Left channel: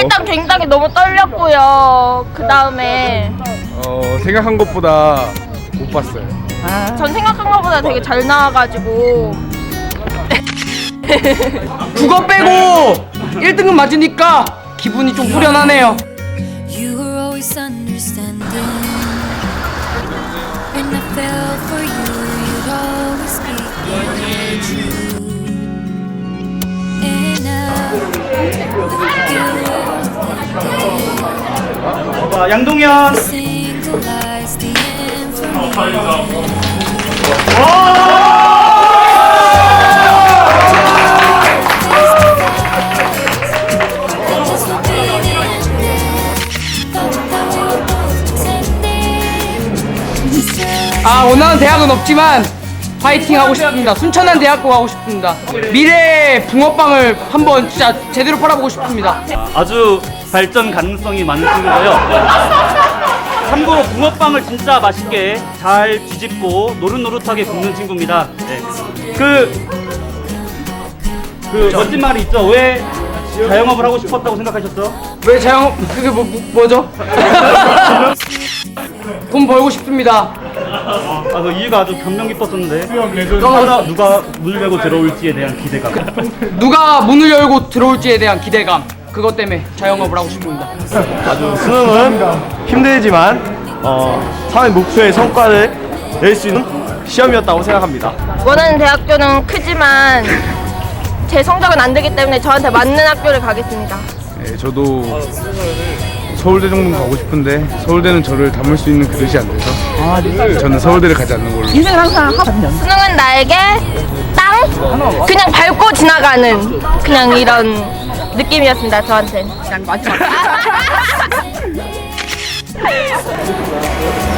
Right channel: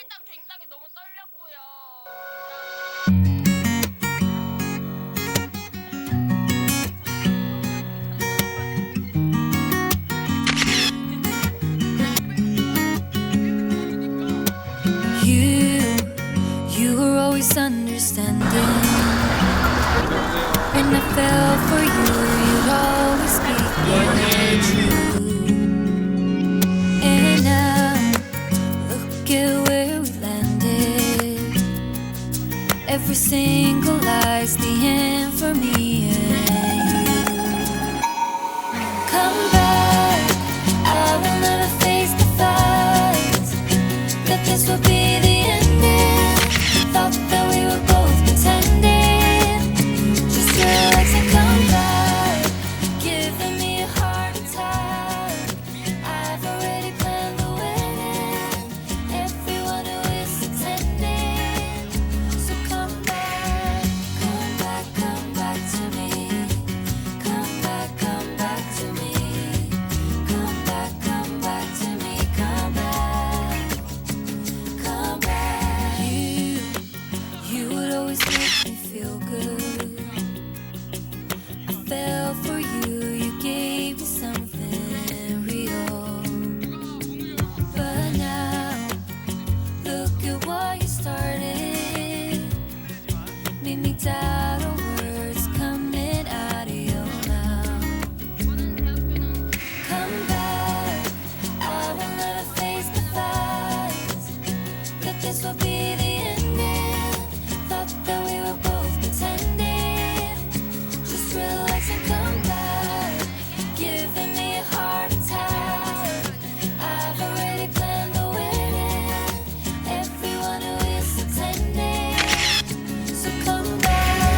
일단 굉장히 너무 떨렸고요. 그 다음에 어, 생각한 것보다 못 봤어요. 전 생각한 것보다 되게 잘 나와가지고 국어 빼고 1등급 맞으니까 기분이 좀 후련하네요. You were always understanding. When I fell for you, you'd always speak the realized 아 원하는 대학은 없지만 파이팅 하고 싶습니다. 순천한 대학교 가고 싶습니다. 미래 붕어빵을 한번 진짜 제대로 팔아보고 싶습니다. 아주 발전 가능성이 많은 친구고요. 참고로 붕어빵을 진짜 맛있게 잘 뒤집고 노릇노릇하게 굽는 친구입니다. 네. 그, 그 멋진 말이 있죠. 왜 자영업을 하고 싶었다고 생각하셨어? 왜 자영 그게 뭐, 뭐, 죠 돈 벌고 싶습니다. 아, 그 이유가 아주 감명 깊었었는데. 누가, 누가 물 메고 들어올지에 대한 기대감. 누가 문을 열고 들어올지에 대한 기대감. 그것 때문에 자영업을 하고 싶습니다. 수능은 힘들지만 어, 사회 목표의 성과를 낼 수 있는 시험이었다고 생각합니다. 원하는 대학교는 크지만 제 성적은 안 되기 때문에 저한테 맞는 학교를 가겠습니다. 네, 저도 서울대 정도 가고 싶은데 서울대는 저를 담을 수 있는 그릇이 안 돼서 저는 서울대를 가지 않는 걸로. 수능은 나에게 땅 그냥 밟고 지나가는 그냥 이런 느낌이었습니다 저한테. come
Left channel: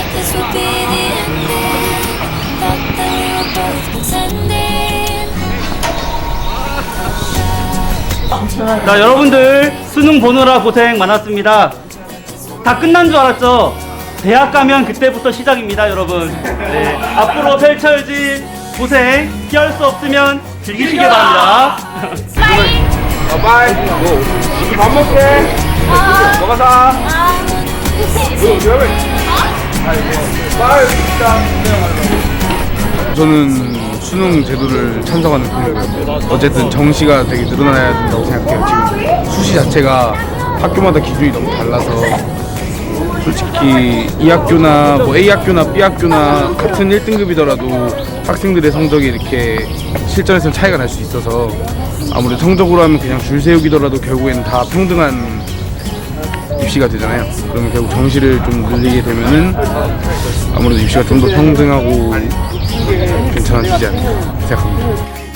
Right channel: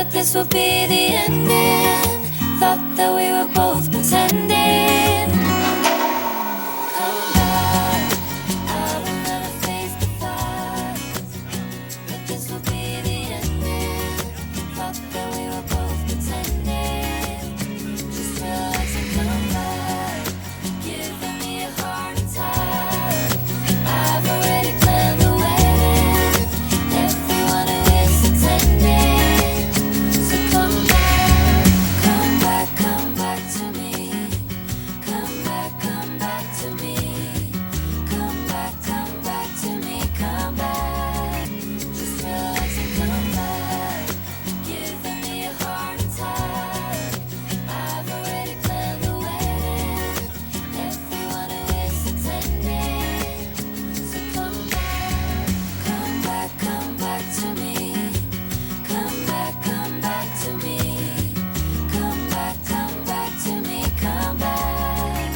that this will be the ending. Thought that we were both pretending. Come back. 자, 여러분들 수능 보느라 고생 많았습니다. 다 끝난 줄 알았죠? 대학 가면 그때부터 시작입니다, 여러분. 네, 앞으로 펼쳐질 고생 피할 수 없으면 즐기시기 바랍니다. 밥 먹게. 먹어 사. 저는 수능 제도를 찬성하는 편이고요. 어쨌든 정시가 되게 늘어나야 된다고 생각해요. 지금 수시 자체가 학교마다 기준이 너무 달라서 솔직히 이 학교나 뭐 A 학교나 B 학교나 같은 1등급이더라도 학생들의 성적이 이렇게 실전에서는 차이가 날 수 있어서 아무래도 성적으로 하면 그냥 줄 세우기더라도 결국에는 다 평등한 입시가 되잖아요. 그러면 결국 정시를 좀 늘리게 되면은 아무래도 입시가 좀 더 평등하고 괜찮아지지 않을까 생각합니다.